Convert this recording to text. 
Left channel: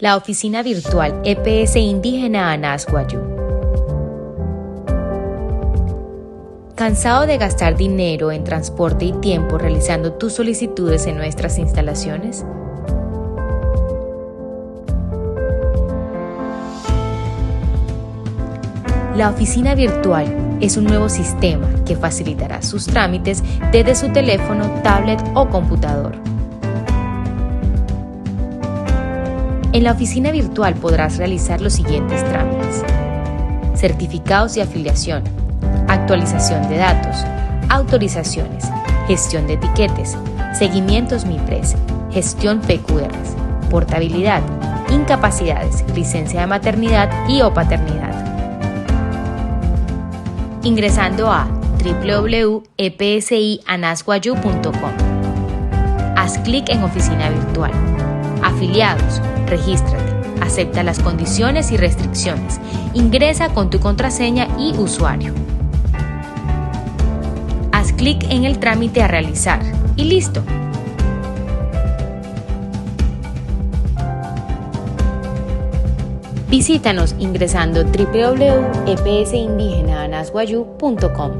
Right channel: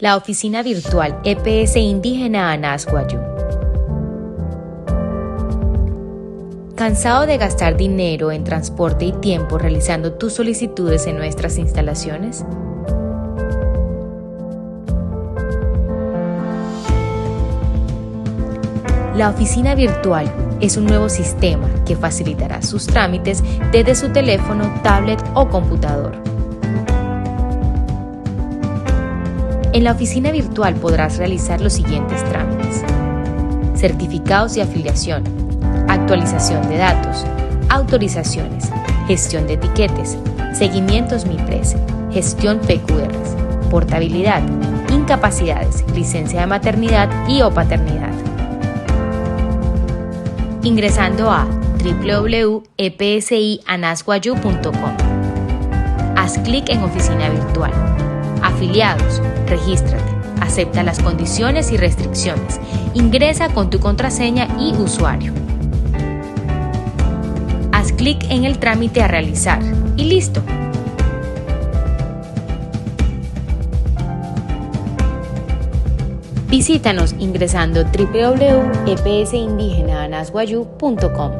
La oficina virtual EPS Indígena Anas Wayuu. ¿Cansado de gastar dinero en transporte y tiempo realizando tus solicitudes en nuestras instalaciones? La oficina virtual es un nuevo sistema que facilitará sus trámites desde su teléfono, tablet o computador. En la oficina virtual podrás realizar los siguientes trámites: certificados de afiliación, actualización de datos, autorizaciones, gestión de etiquetes, seguimientos MIPRES, gestión PQRs, portabilidad, incapacidades, licencia de maternidad y o paternidad. Ingresando a www.epsianaswayuu.com. Haz clic en Oficina Virtual. Afiliados, regístrate, acepta las condiciones y restricciones, ingresa con tu contraseña y usuario. Haz clic en el trámite a realizar y listo. Visítanos ingresando www.epsindigenaanaswayuu.com.